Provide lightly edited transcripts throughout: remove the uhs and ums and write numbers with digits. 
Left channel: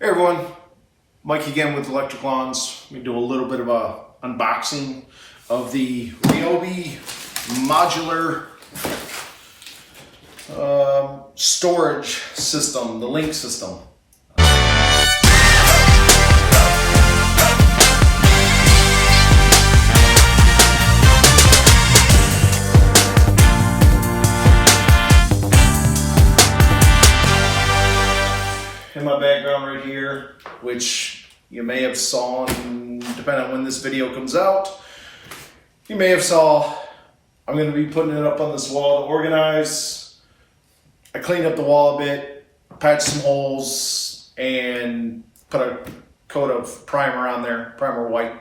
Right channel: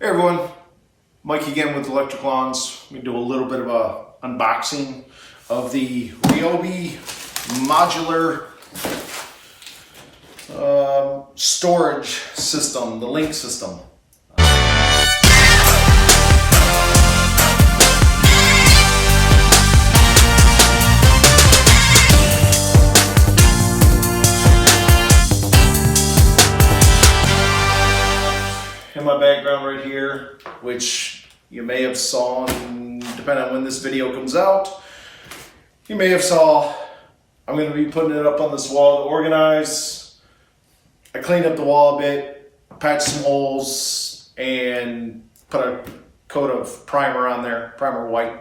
Hey everyone, Mike again with Electric Lawns. We do a little bit of a unboxing of the Ryobi modular storage system, the Link system. In my background right here, which you may have saw, depending on when this video comes out, you may have saw, I'm going to be putting it up on this wall to organize. I cleaned up the wall a bit, patched some holes, and put a coat of primer on there, primer white,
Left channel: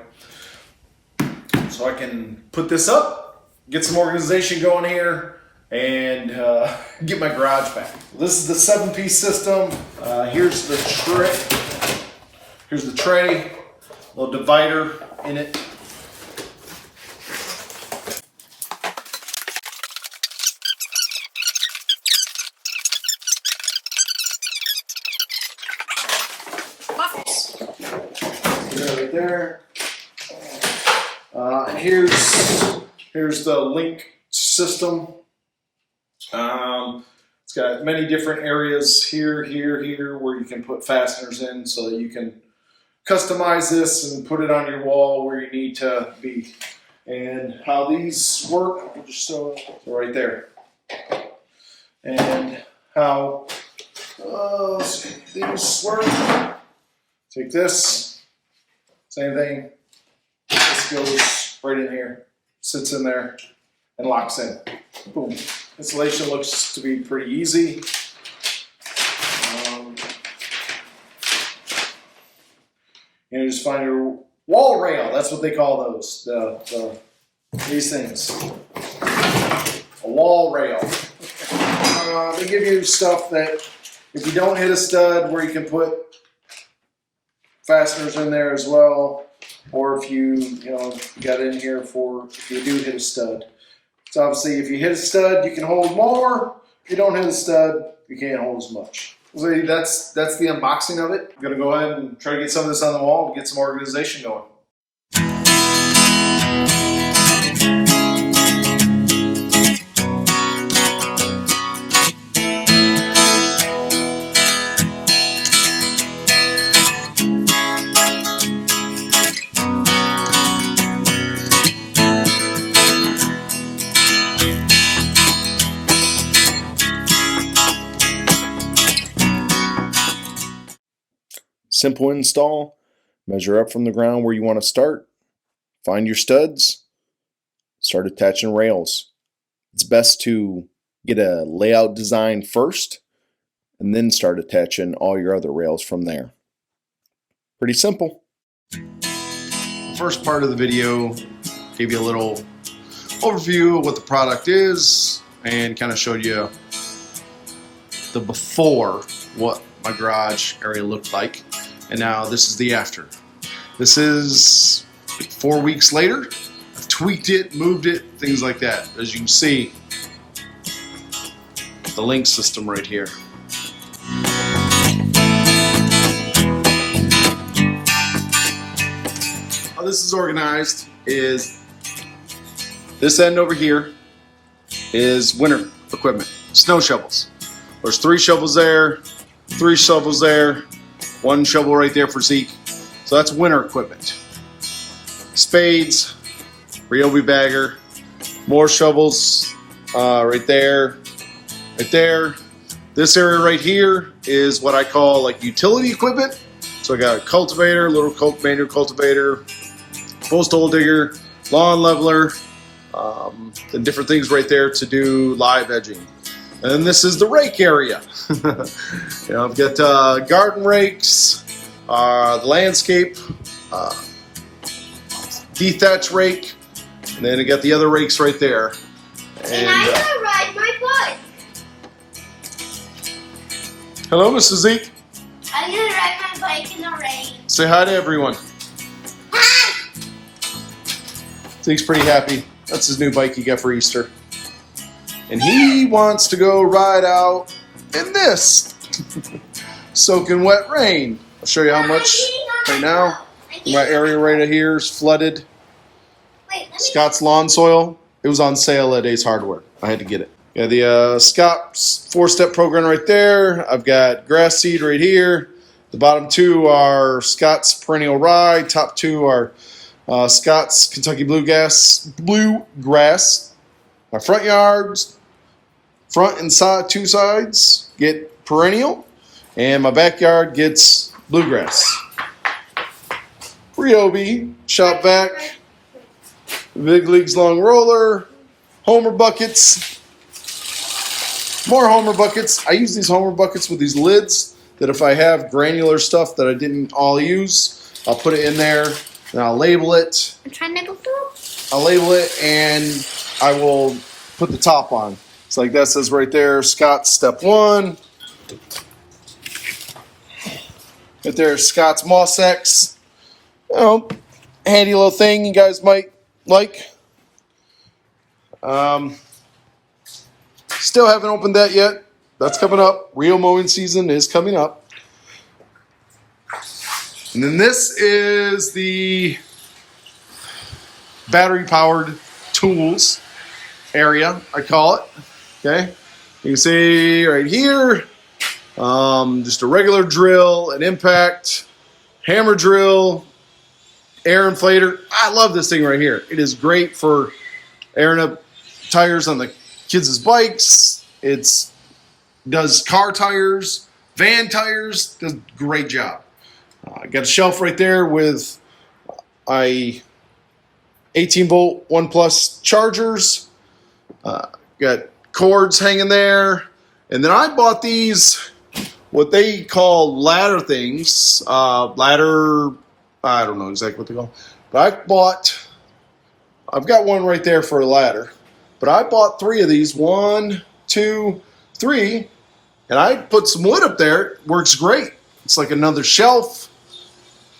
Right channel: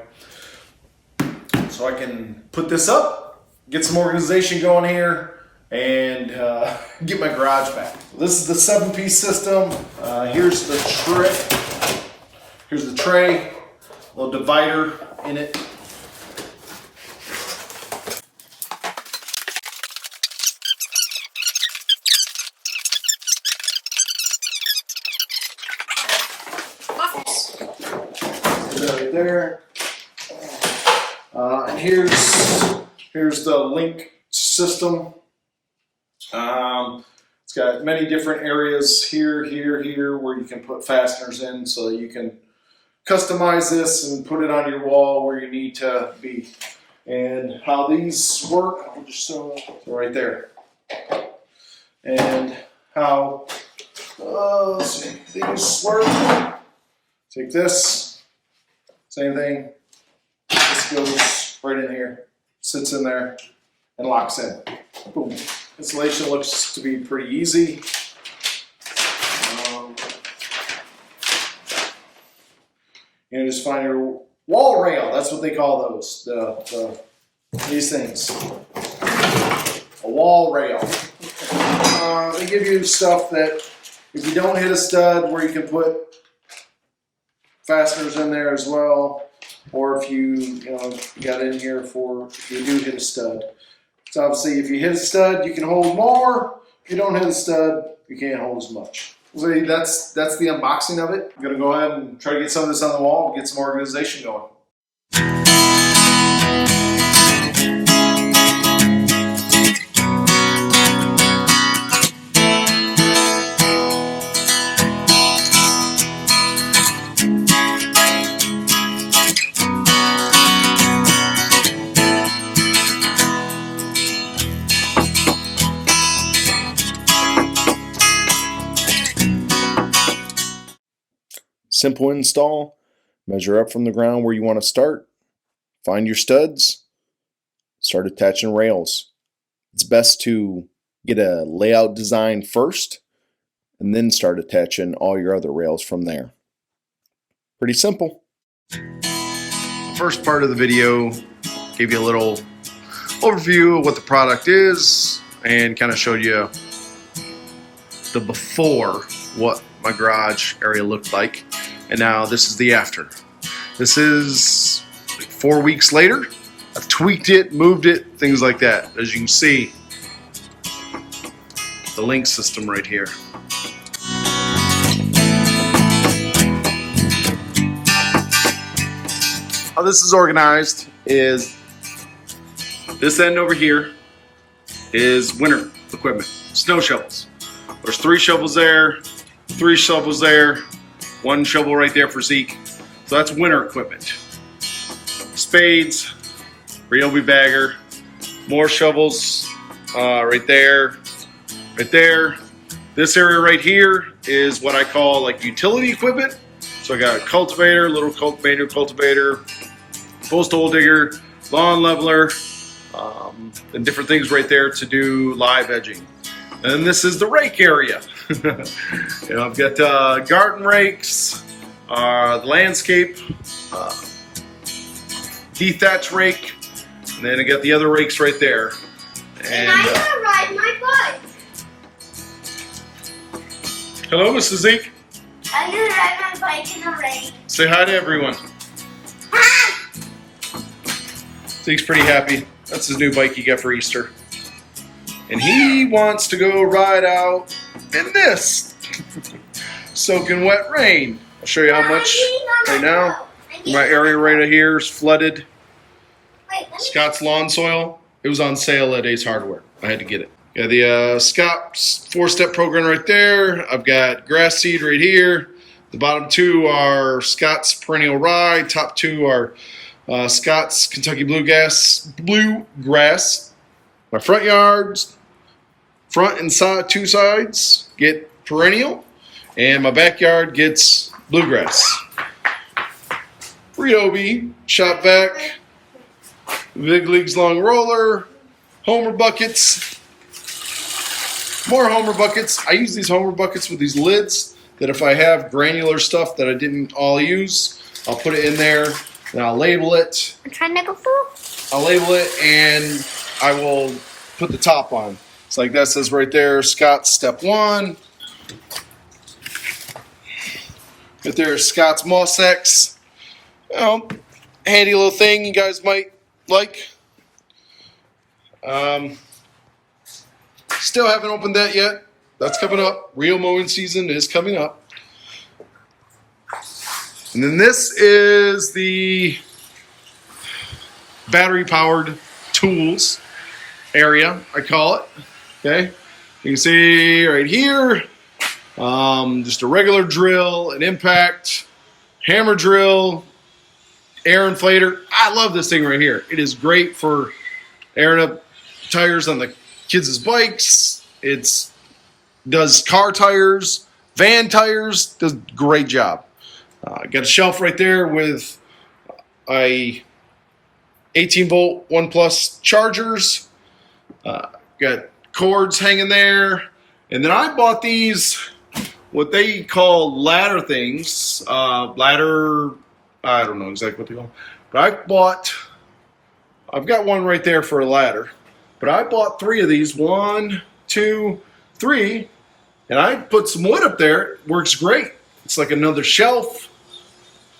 so I can put this up, get some organization going here, and get my garage back. This is the 7-piece system. Here's the tray. Here's the tray, little divider in it. Right there. And here's the Link system. It's got many different areas here, where you can put fasteners in so that you can customize this and put it on your wall where you need to be. And how these work, I'll just show it right there. And how these work. Take this, same thing. This goes right in here, sits in there, and locks in. Boom. Installation looks to be pretty easy. Just find your wall rail. That's what they call those. These things. A wall rail. They give you stuff that if you don't hit a stud, where you can put fasteners in there as well, or if you got in here for if you do hit a stud. So obviously, if you hit a stud, you can hold more. If you don't hit a stud, you can't hold as much. So that's the unboxing of it. I'm gonna go ahead and try to get some of this on the wall, get some organization going. Simple install. Measure up from the ground where you want to start. Find your studs. Start attaching rails. It's best to get a layout design first and then start attaching all your other rails from there. Pretty simple. The first part of the video gave you a little overview of what the product is and kind of showed you the before, what my garage area looked like. And now this is the after. This is like 4 weeks later. I've tweaked it, moved it, things like that. As you can see, the Link system right here. How this is organized is this end over here is winter equipment, snow shovels. There's 3 shovels there, 3 shovels there, 1 shovel right there for Zeke. So that's winter equipment. Spades, Ryobi bagger, more shovels right there, right there. This area right here is what I call like utility equipment. So I got a cultivator, little manual cultivator, postal digger, lawn leveler, and different things right there to do live edging. And then this is the rake area. I've got garden rakes, the landscape, dethatch rake, and then I got the other rakes right there. And I'm gonna ride my bike. Hello, Mrs. Zeke. I'm gonna ride my bike in the rain. Say hi to everyone. Hi! Zeke's pretty happy. That's his new bike he got for Easter. And he wants to go ride out in this soaking wet rain. I'll show you how much right now. My area right here is flooded. Scott's lawn soil. It was on sale at Ace Hardware. I had to get it. Got the Scott's 4-step program right there. I've got grass seed right here. The bottom two are Scott's perennial rye. Top two are Scott's Kentucky bluegrass. My front yards, front and side, two sides get perennial, and my backyard gets bluegrass. Ryobi shop vac, Big Leagues long roller, Homer buckets. More Homer buckets. I use these Homer buckets with these lids that if I have granular stuff that I didn't all use, I'll put it in there and I'll label it. I'm trying to go through. I'll label it and I will put the top on. It's like that says right there, Scott's step 1. Right there, Scott's Moss X. You know, handy little thing you guys might like. Still haven't opened that yet. That's coming up. Real mowing season is coming up. And then this is the battery powered tools area, I call it. Okay. You can see right here, just a regular drill, an impact, hammer drill, air inflator. I love this thing right here. It is great for airing up tires on the kids' bikes. It does car tires, van tires, does a great job. Got a shelf right there with a 18-volt 1 Plus chargers. Got cords hanging there. And then I bought these, what they call ladder things. Ladder, I don't know exactly what they call. But I've got one right there for a ladder. But I bought 3 of these, 1, 2, 3, and I put some wood up there. It works great. It's like another shelf,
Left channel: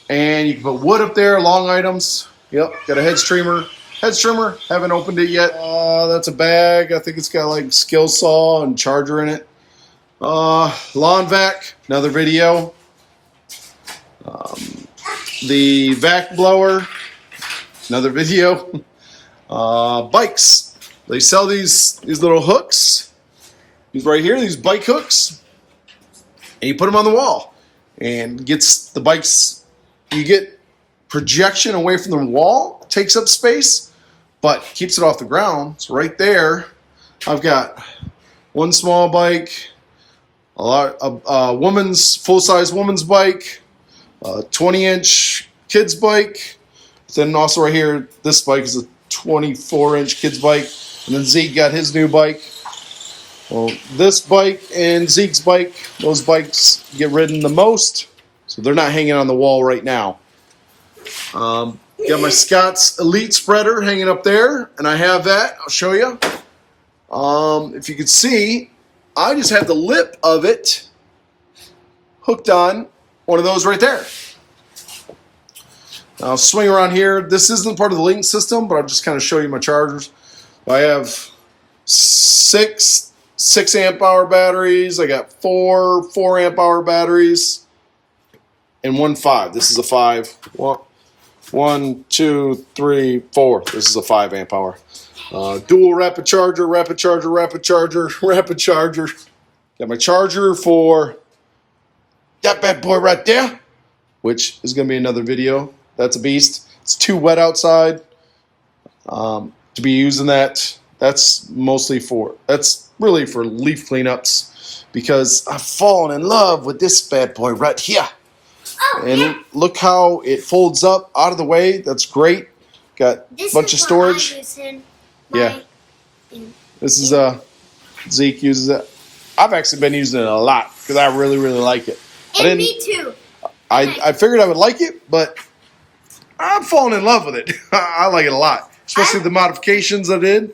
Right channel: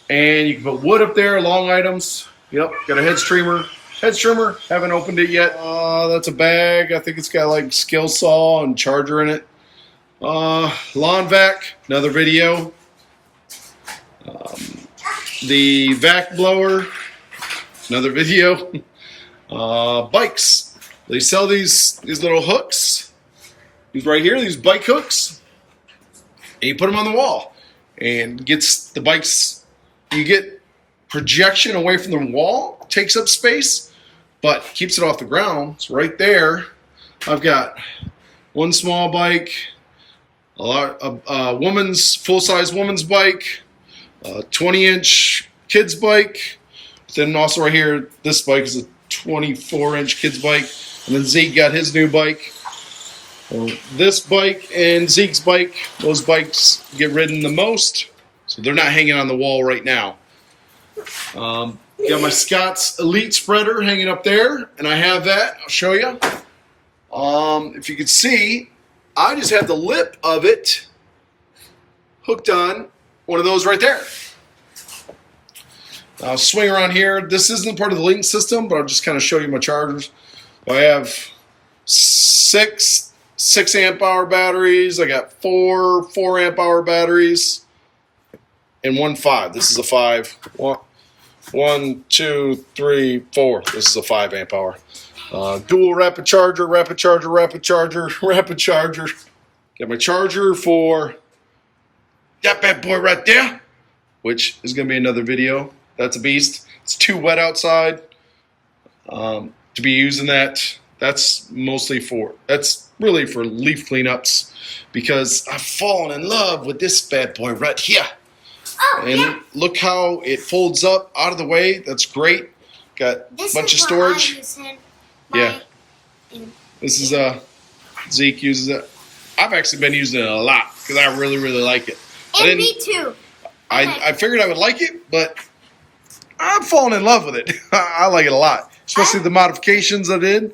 and you can put wood up there, long items. Yep, got a head streamer. Haven't opened it yet. That's a bag. I think it's got like skill saw and charger in it. Lawn vac, another video. The vac blower, another video. Bikes. They sell these little hooks. These right here, these bike hooks. And you put them on the wall. And gets the bikes, you get projection away from the wall, takes up space, but keeps it off the ground. So right there, I've got one small bike, a woman's, full-size woman's bike, a 20-inch kid's bike. Then also right here, this bike is a 24-inch kid's bike. And then Zeke got his new bike. Well, this bike and Zeke's bike, those bikes get ridden the most, so they're not hanging on the wall right now. Got my Scott's Elite spreader hanging up there, and I have that. I'll show you. If you can see, I just had the lip of it hooked on one of those right there. I'll swing around here. This isn't part of the Link system, but I'll just kind of show you my chargers. I have 6 amp hour batteries. I got 4 amp hour batteries, and 1 5. This is a 5. 1, 2, 3, 4. This is a 5 amp hour. Dual rapid charger. Got my charger for that bad boy right there, which is going to be another video. That's a beast. It's too wet outside to be using that. That's really for leaf cleanups, because I've fallen in love with this bad boy right here. Oh, and yeah. Look how it folds up out of the way. That's great. Got a bunch of storage. Yeah. This is Zeke uses it. I've actually been using it a lot because I really like it. And me too. I figured I would like it, but I'm falling in love with it. I like it a lot, especially the modifications I did.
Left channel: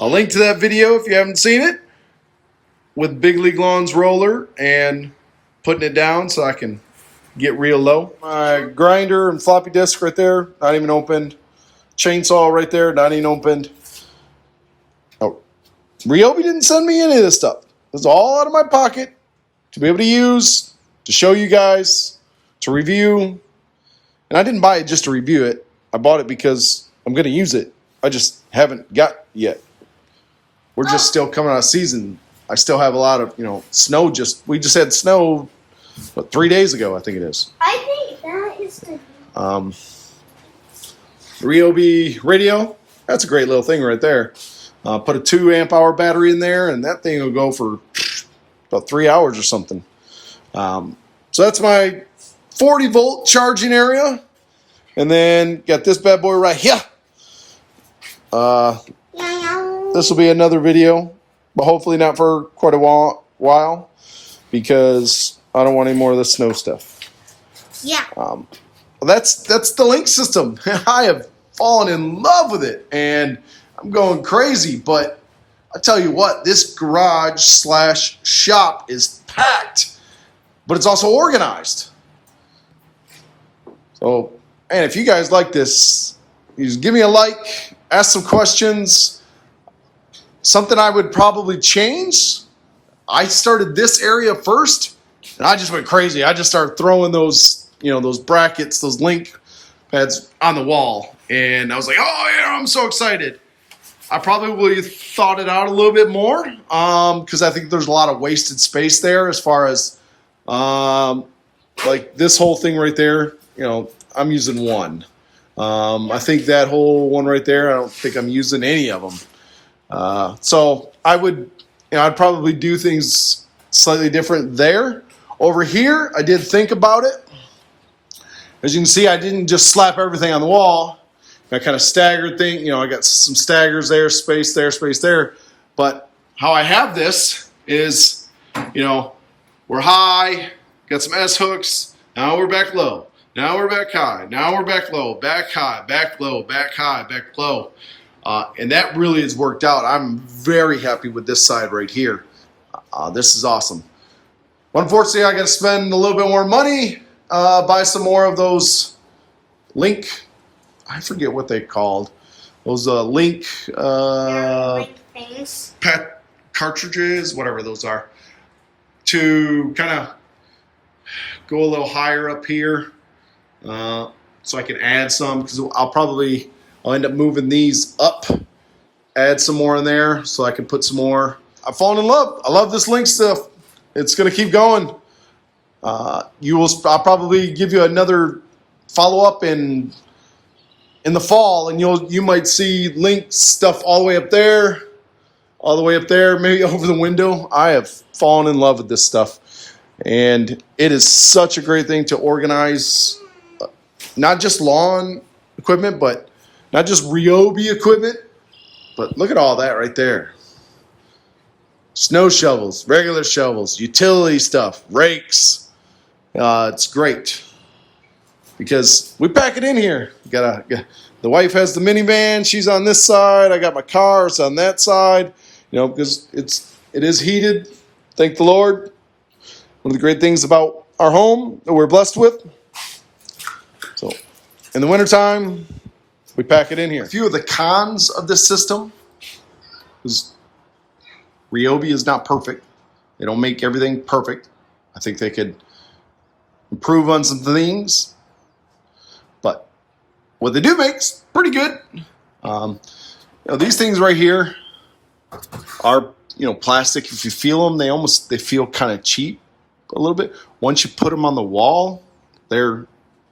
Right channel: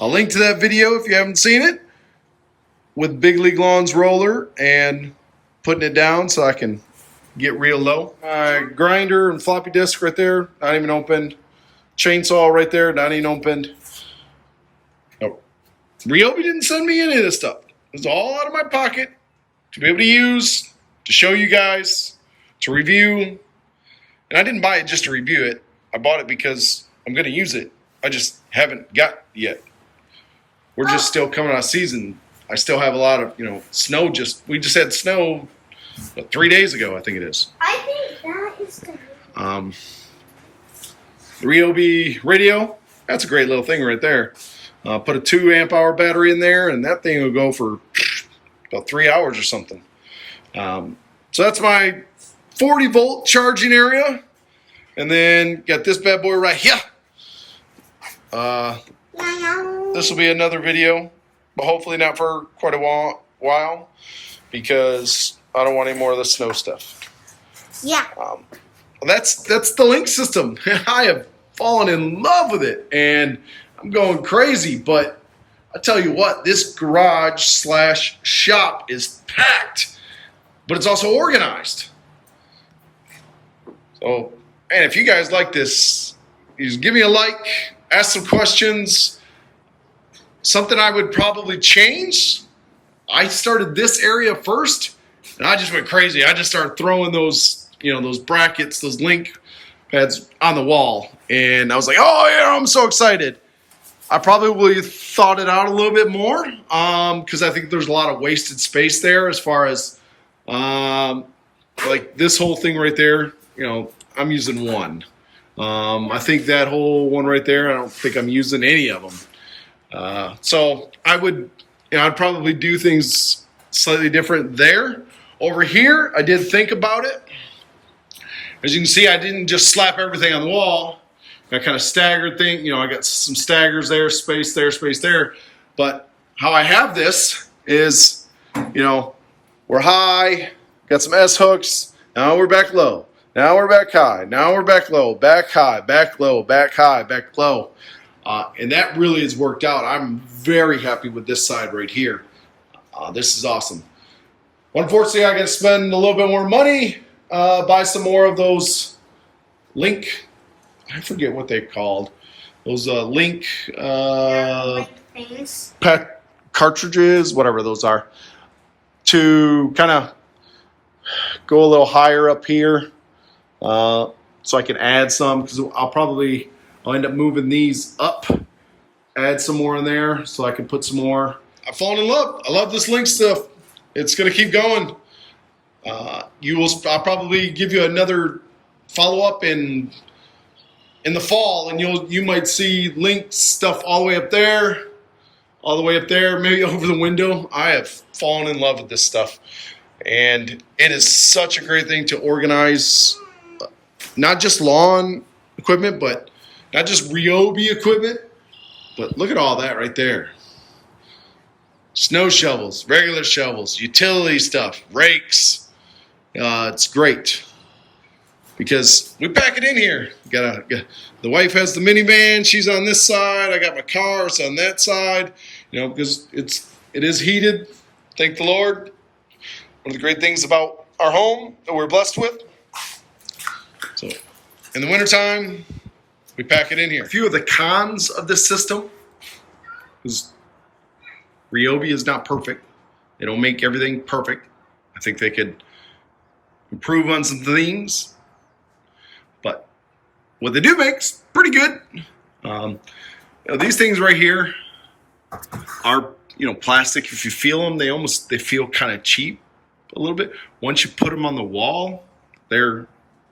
I'll link to that video if you haven't seen it, with Big League Lawns roller and putting it down so I can get real low. My grinder and floppy disk right there, not even opened. Chainsaw right there, not even opened. Oh, Ryobi didn't send me any of this stuff. It was all out of my pocket to be able to use, to show you guys, to review. And I didn't buy it just to review it. I bought it because I'm going to use it. I just haven't got yet. We're just still coming out of season. I still have a lot of, snow. We just had snow, 3 days ago, I think it is. I think that is the Ryobi radio. That's a great little thing right there. Put a 2 amp hour battery in there, and that thing will go for about 3 hours or something. So that's my 40 volt charging area. And then got this bad boy right here. This will be another video, but hopefully not for quite a while because I don't want any more of the snow stuff. Yeah. That's the Link system. I have fallen in love with it, and I'm going crazy. But I tell you what, this garage/shop is packed, but it's also organized. So, and if you guys like this, you just give me a like, ask some questions. Something I would probably change. I started this area first, and I just went crazy. I just started throwing those, those brackets, those link pads on the wall, and I was like, "Oh yeah, I'm so excited." I probably thought it out a little bit more because I think there's a lot of wasted space there as far as like this whole thing right there. I'm using one. I think that whole one right there, I don't think I'm using any of them. So I would, I'd probably do things slightly different there. Over here, I did think about it. As you can see, I didn't just slap everything on the wall. I kind of staggered thing. I got some staggers there, space there, space there. But how I have this is, we're high, got some S hooks. Now we're back low. Now we're back high. Now we're back low, back high, back low, back high, back low. And that really has worked out. I'm very happy with this side right here. This is awesome. Unfortunately, I got to spend a little bit more money, buy some more of those Link. I forget what they called. Those Link pet cartridges, whatever those are, to kind of go a little higher up here, so I can add some because I'll end up moving these up, add some more in there so I can put some more. I've fallen in love. I love this Link stuff. It's going to keep going. I'll probably give you another follow-up in the fall, and you might see Link stuff all the way up there, maybe over the window. I have fallen in love with this stuff, and it is such a great thing to organize, not just lawn equipment, but not just Ryobi equipment, but look at all that right there. Snow shovels, regular shovels, utility stuff, rakes. It's great because we pack it in here. The wife has the minivan. She's on this side. I got my car. It's on that side. Because it is heated. Thank the Lord. One of the great things about our home that we're blessed with. So in the wintertime, we pack it in here. A few of the cons of this system is Ryobi is not perfect. They don't make everything perfect. I think they could improve on some things, but what they do makes pretty good. These things right here are plastic. If you feel them, they feel kind of cheap a little bit. Once you put them on the wall, they're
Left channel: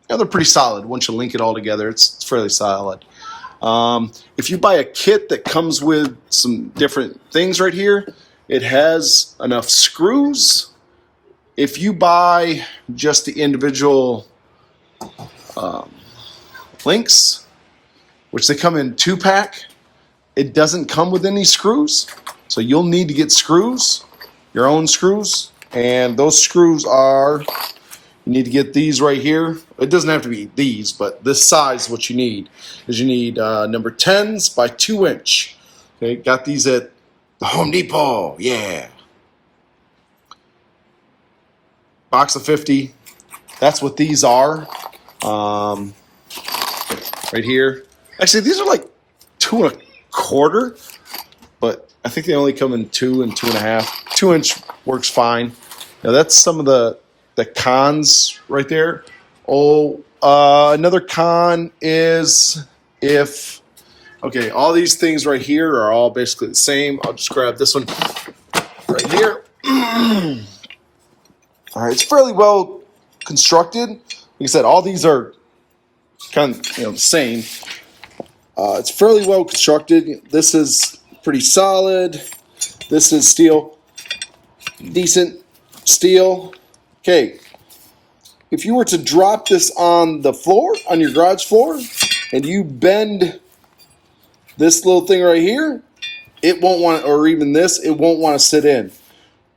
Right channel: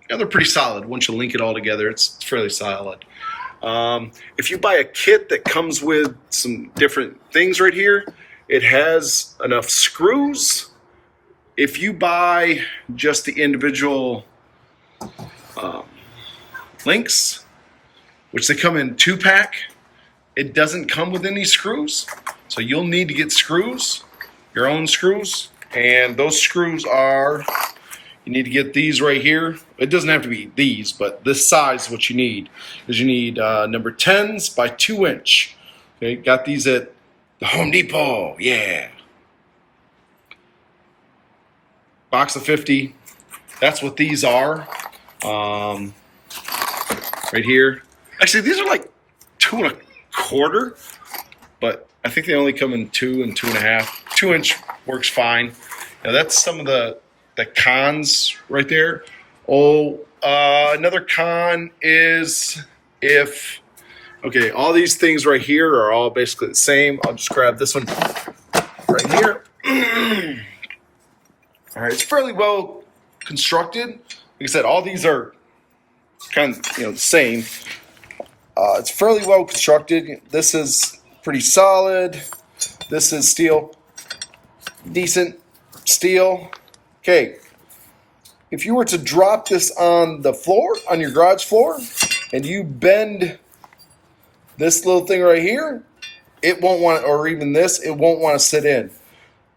pretty solid. Once you link it all together, it's fairly solid. If you buy a kit that comes with some different things right here, it has enough screws. If you buy just the individual links, which they come in 2-pack, it doesn't come with any screws. So you'll need to get screws, your own screws. And those screws are, you need to get these right here. It doesn't have to be these, but this size is what you need. Is you need number 10s by 2 inch. Okay, got these at the Home Depot. Yeah. Box of 50. That's what these are. Right here. Actually, these are like 2 1/4, but I think they only come in 2 and 2.5. 2 inch works fine. That's some of the cons right there. Another con is if, okay, all these things right here are all basically the same. I'll just grab this one right here. All right, it's fairly well constructed. Like I said, all these are kind of, the same. It's fairly well constructed. This is pretty solid. This is steel. Decent steel. Okay. If you were to drop this on the floor, on your garage floor, and you bend this little thing right here, it won't want, or even this, it won't want to sit in.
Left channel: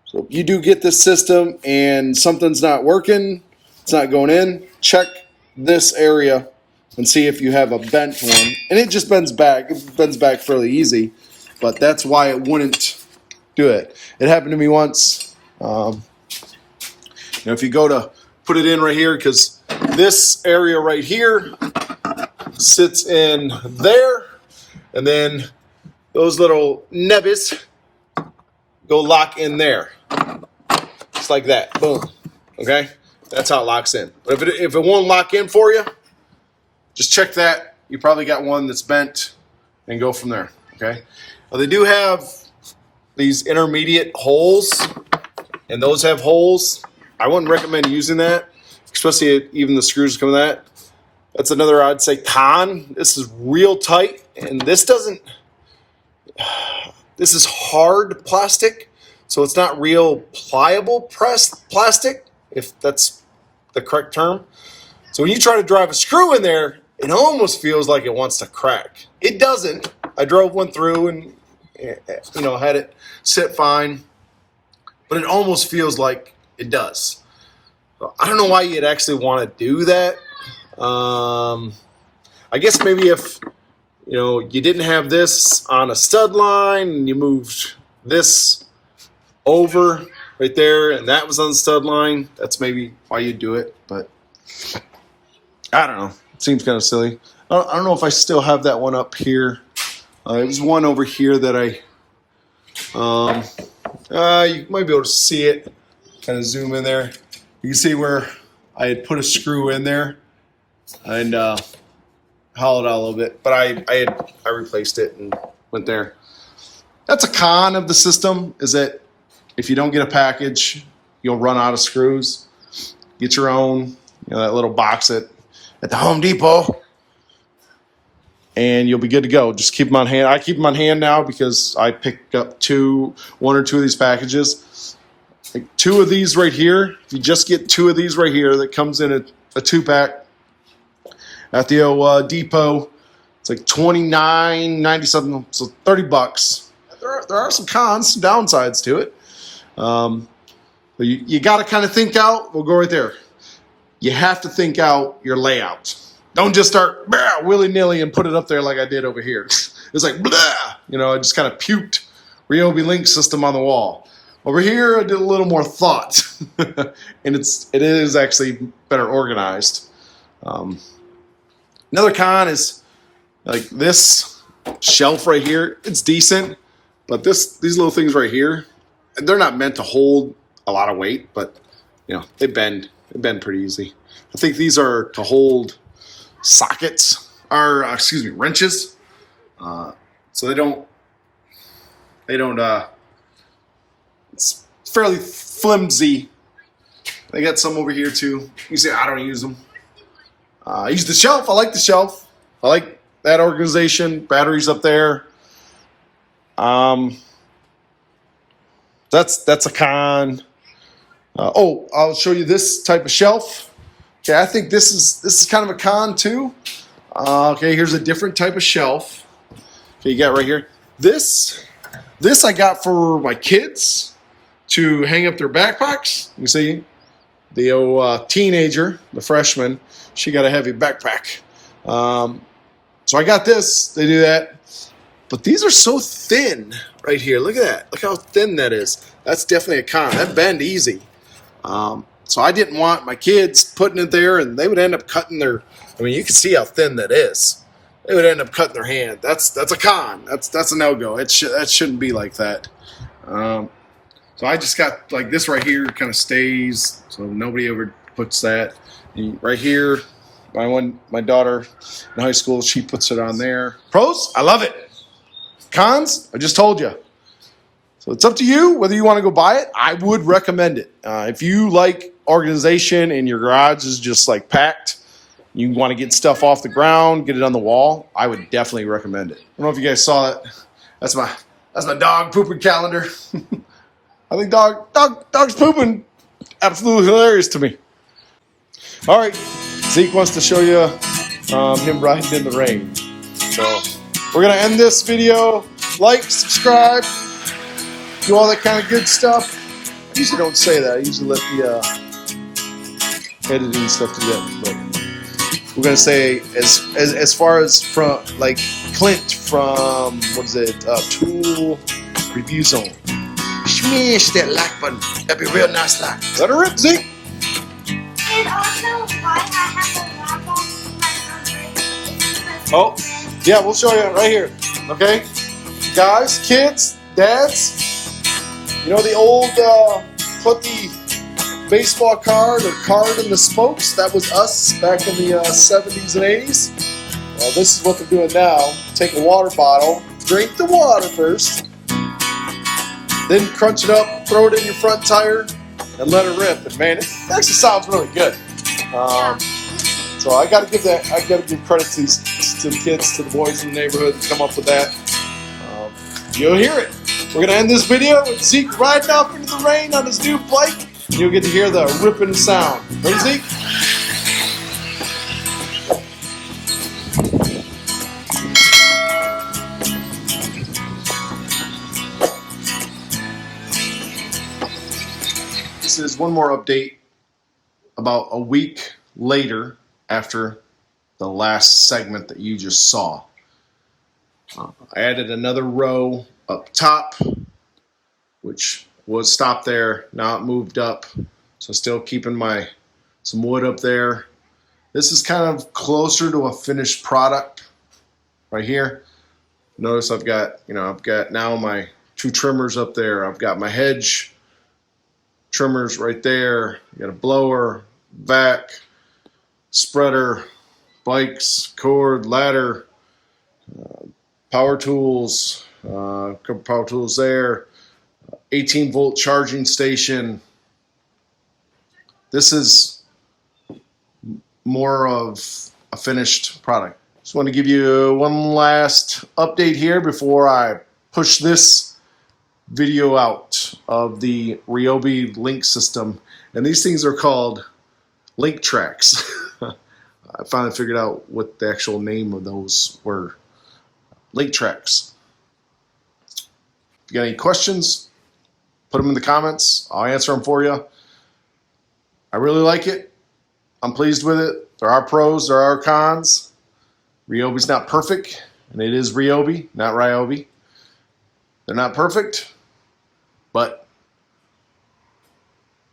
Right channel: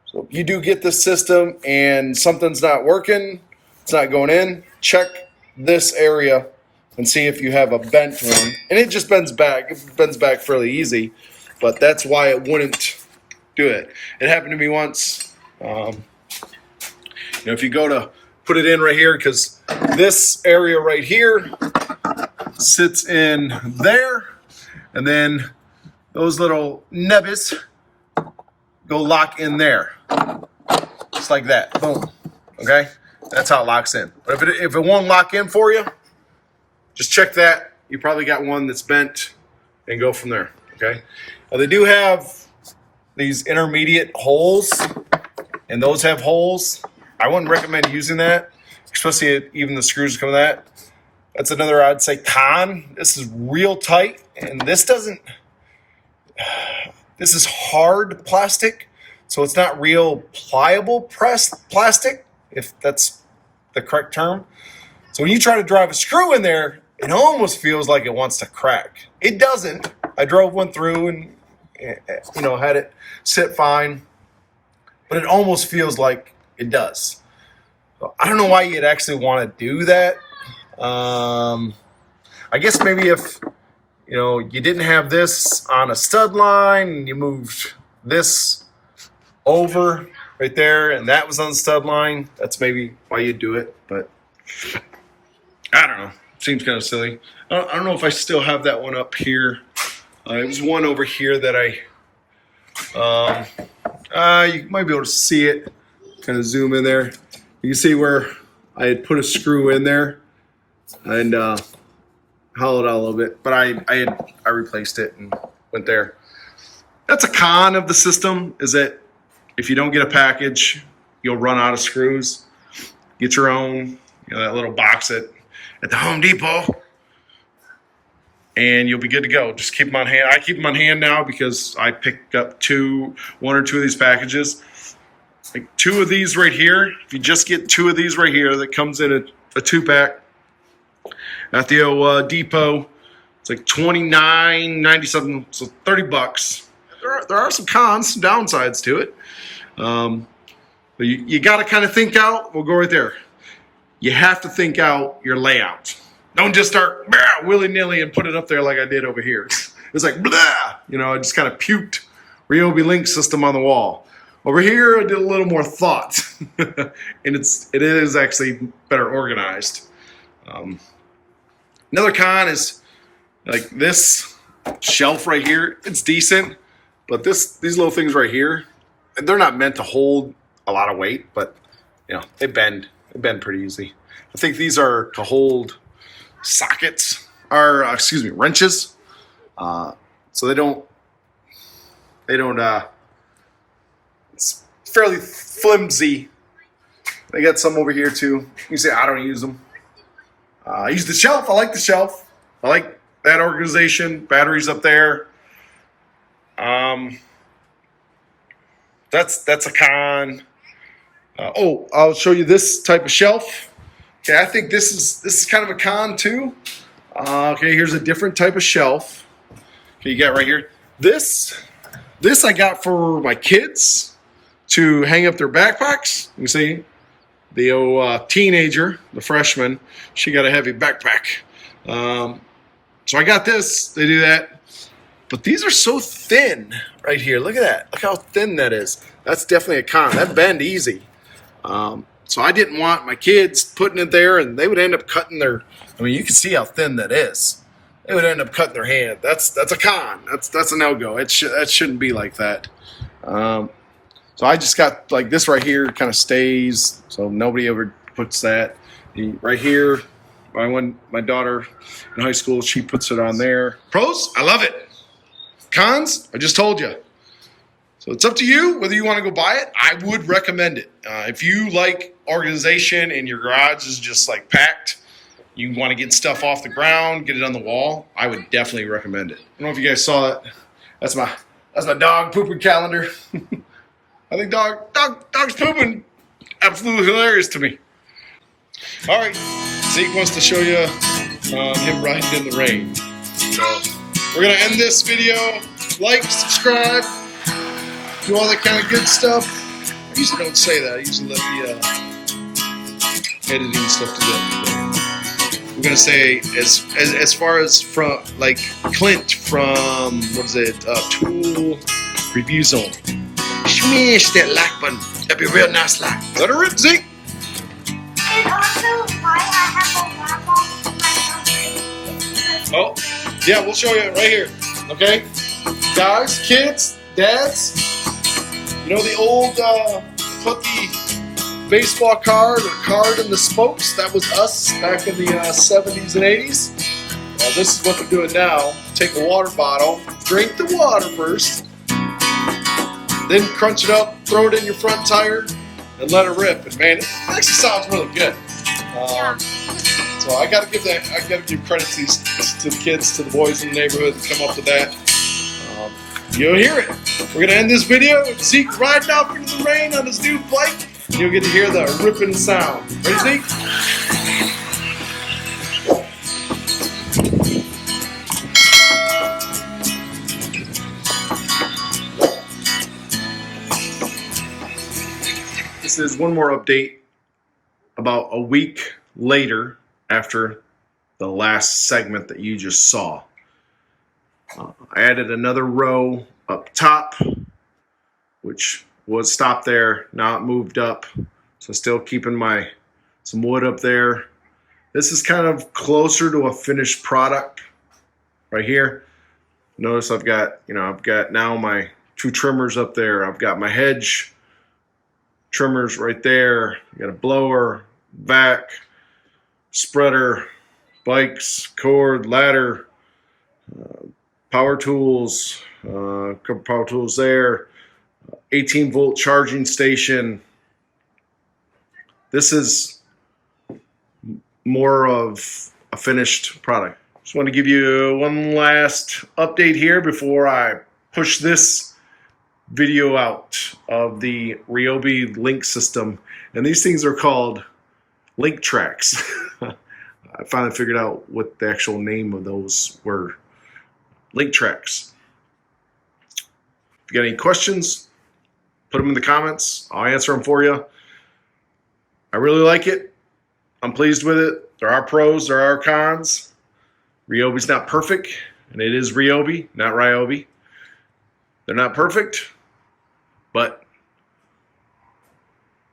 So if you do get this system and something's not working, it's not going in, check this area and see if you have a bent one. And it just bends back. It bends back fairly easy, but that's why it wouldn't do it. It happened to me once. If you go to put it in right here, because this area right here sits in there, and then those little nebbies go lock in there, just like that. Boom. Okay, that's how it locks in. But if it won't lock in for you, just check that. You probably got one that's bent, and go from there. Okay. They do have these intermediate holes, and those have holes. I wouldn't recommend using that, especially even the screws come with that. That's another, I'd say, con. This is real tight, and this doesn't. This is hard plastic, so it's not real pliable pressed plastic, if that's the correct term. So when you try to drive a screw in there, it almost feels like it wants to crack. It doesn't. I drove one through and had it sit fine, but it almost feels like it does. So I don't know why you'd actually want to do that. I guess maybe if you didn't have this on a stud line and you moved this over right there and that was on the stud line, that's maybe why you'd do it. But I don't know. It seems kind of silly. I don't know if I still have that one up here. It was one over here that you might be able to see it. Kind of zoom in there. You can see where I had put a screw in there and hollowed out a little bit, but I replaced it and went there. That's a con of the system, is that if you don't get a package, you'll run out of screws. Get your own, that little box at the Home Depot, and you'll be good to go. Just keep them on hand. I keep them on hand now because I picked up one or two of these packages. Like two of these right here. If you just get two of these right here, that comes in a 2-pack at the old Depot. It's like $29.90 something, so $30. There are some cons, some downsides to it. But you got to kind of think out. We'll go right there. You have to think out your layout. Don't just start willy-nilly and put it up there like I did over here. It's like, blah, I just kind of puked Ryobi Link System on the wall. Over here, I did a little more thought, and it is actually better organized. Another con is like this shelf right here. It's decent, but these little things right here, they're not meant to hold a lot of weight, but they bend. They bend pretty easy. I think these are to hold sockets, or wrenches. So they don't. It's fairly flimsy. They got some over here too. You say I don't use them. I use the shelf. I like the shelf. I like that organization. Batteries up there. That's a con. I'll show you this type of shelf. Okay, I think this is kind of a con too. Okay, here's a different type of shelf. Okay, you got right here. This I got for my kids to hang up their backpacks. You see, the teenager, the freshman, she got a heavy backpack. So I got this. They do that. But these are so thin right here. Look at that. Look how thin that is. That's definitely a con. That bend easy. So I didn't want my kids putting it there, and they would end up cutting their. I mean, you can see how thin that is. They would end up cutting their hand. That's a con. That's a no-go. That shouldn't be like that. So I just got like this right here. Kind of stays, so nobody ever puts that. Right here, my daughter in high school, she puts it on there. Pros, I love it. Cons, I just told you. So it's up to you whether you want to go buy it. I would recommend it. If you like organization and your garage is just like packed, you want to get stuff off the ground, get it on the wall, I would definitely recommend it. I don't know if you guys saw that. That's my dog pooping calendar. I think dog's pooping absolutely hilarious to me. All right, Zeke wants to show you him riding in the rain. So we're gonna end this video. Like, subscribe, do all that kind of good stuff. I usually don't say that. I usually let the editing stuff do that. But we're gonna say as far as from like Clint from Tool Review Zone. Smash that like button. That'd be a real nice like. Let her rip, Zeke. And also why I have a wrap on my Oh, yeah, we'll show you right here. Okay, guys, kids, dads. You know the old put the baseball card or card in the spokes? That was us back in the 70s and 80s. Well, this is what they're doing now. Take a water bottle, drink the water first, then crunch it up, throw it in your front tire, and let it rip. And man, it actually sounds really good. So I gotta give credit to the kids, to the boys in the neighborhood that come up with that. You'll hear it. We're gonna end this video with Zeke riding off into the rain on his new bike. You'll get to hear the ripping sound. Ready, Zeke? This is one more update about a week later after the last segment that you just saw. I added another row up top, which was stopped there. Now it moved up, so still keeping some wood up there. This is kind of closer to a finished product right here. Notice I've got now my two trimmers up there. I've got my hedge trimmers right there. I got a blower, vac, spreader, bikes, cord, ladder, power tools, couple power tools there, 18-volt charging station. This is more of a finished product. Just want to give you one last update here before I push this video out of the Ryobi Link System. And these things are called link tracks. I finally figured out what the actual name of those were. Link tracks. If you got any questions, put them in the comments. I'll answer them for you. I really like it. I'm pleased with it. There are pros, there are cons. Ryobi's not perfect, and it is Ryobi, not Ryobi. They're not perfect, but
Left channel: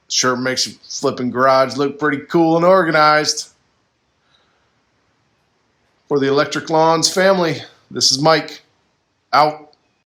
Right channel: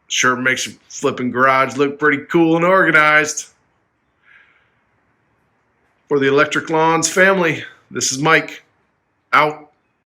sure makes your flipping garage look pretty cool and organized. For the Electric Lawns family, this is Mike, out.